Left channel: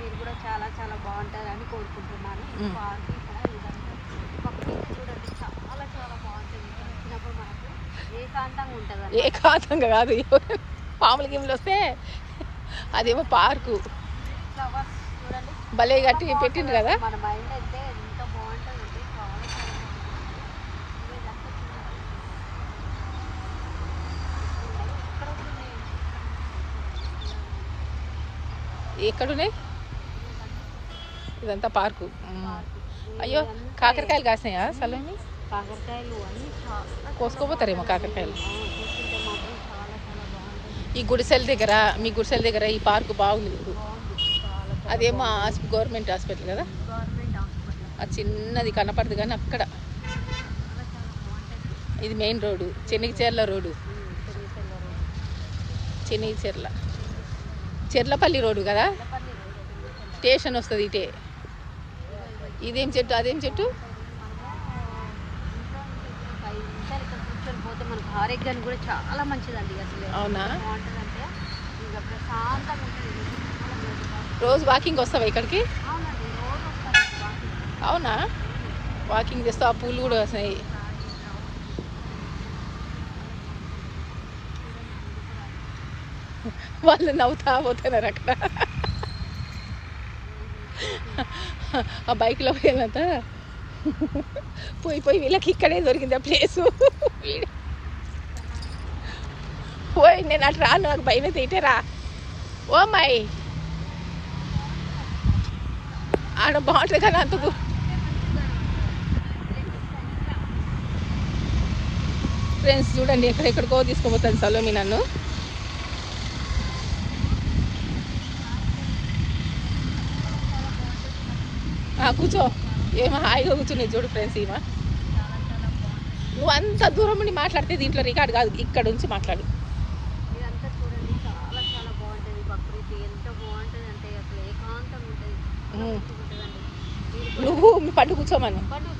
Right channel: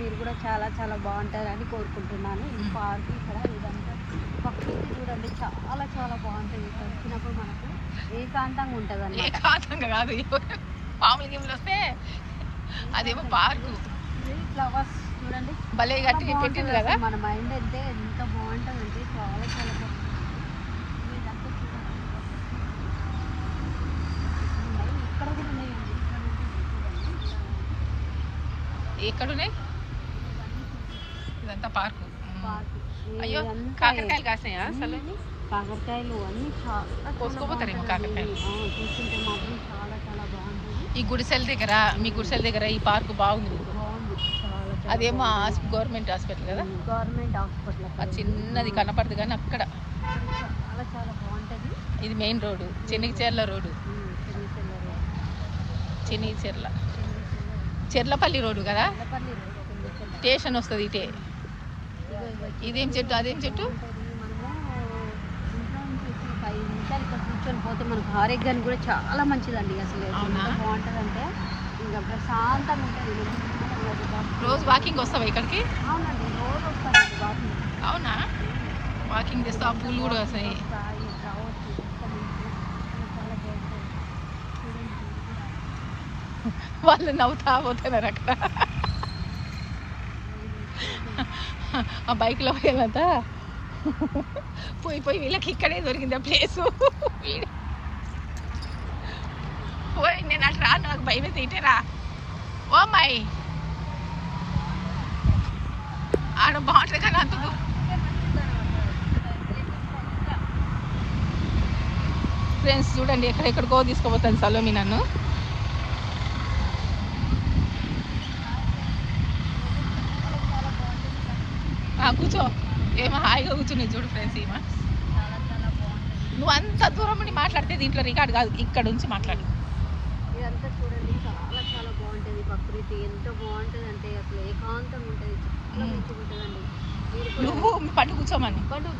మీరు కూడా చాలా చాలా బాగుంటారని కోరుకుంటున్నాను. ఈ పార్క్ ఇక్కడ ఇదంతా ప్రకృతి చూడండి, చాలా చాలా బాగుంటుంది. ఇక్కడ వచ్చినప్పుడు మనకు ఏకాంతంగా ఉంటుంది అండి. ఏకాంతంగా కాదు, పాముల గిమ్లు వస్తే అదేమో పార్కు. ఫ్లవర్స్ చూడండి భలే కట్టి పెట్టిండ్రు కదా. మన మైండ్ అయితే ఎంత బాగుంటుంది అంటే చాలా చాలా బాగుంటుంది. ఇదంతా చూడండి, ఇక్కడ కూడా ఉన్నాయండి, ఇక్కడ ఉంటుంది చూడండి. ఎక్కడున్నాయి? ఇదంతా పార్కు. పార్కు. అయ్యో, కాకరకాయలు కాసినాయా? సలేండి, కాకరకాయలు అన్ని చాలా కోసుకోపోతారేమో కాకరకాయలు. కూర్చుంటే మాత్రం చాలా చాలా బాగుంటుంది. ఈ గుడిసెల దగ్గర, మీ గుడిసెల దగ్గర ఈ పార్కు బాగుంది మీకు. బాగుంది చాలా. అదేమో గవర్నమెంట్ హాస్పిటల్ కదా, గవర్నమెంట్ హాస్పిటల్. ఆ చిన్నది కనపడదు కానీ అక్కడ చాలా చాలా బాగుంటుంది. ఇది main road, Chennigicherla road. Chennigicherla Cherlapalli road కదా, స్టేషన్ వస్తుంది ఇటే. ఇదేం చెట్టు, అదేం చెట్టు? మనము ఇంట్లో నుంచి వచ్చి 5 నిమిషాలు ఇక్కడ కూర్చొని పోతే మనకు ఆరోగ్యానికి కూడా చాలా మంచిదండి. అసలు బాగుంటుంది అంటే ఇంకా ప్రశాంతంగా ఉంటుంది. రోజు వాకింగ్ వస్తావా ఇక్కడికి? అవునండి, రోజు వస్తానండి వాకింగ్. అవునా, వాకింగ్ చేస్తావా? పూలు కూడా వస్తాయి. రావచ్చు, చాలా బాగుంటుంది చూడండి. మీరు కూడా వాళ్ళు నవ్వుతా పోతున్నారు అక్కడ. ఆ బైక్లో పోయేదంతా పోయి పోయి వీళ్ళకి ఇక్కడే దొరికింది ఆ ప్లేసు. పోయి నేను అటు రాను, నాకు భయం అయితే ఇటే రా. ఓ అమ్మాయి, ఆడ బాగుంటుంది కానీ అంతకు. ఫ్రెండ్స్ చూడండి, ఎక్కడెక్కడికో తీసుకోపోతాను సలోమి నన్ను. కూర్చో, ఏమో హాయిగా కూర్చుని చూడు ఫ్రెండ్స్. ఏమో నువ్వు అంత దూరం నుండి మాట్లాడితే దీంట్లో రికార్డ్ కాదు, ఇక్కడ నుంచి మాట్లాడు. ఇదంతా చూడండి, చాలా చాలా బాగుంటుంది. ప్రకృతి ఎంత బాగుంటుంది అంటే అసలు ఏకాంతంగా ఉంటుంది, చాలా మంచిగా ఉంటుందండి. నువ్వు మీ పట్టు కూర్చోమని. పండు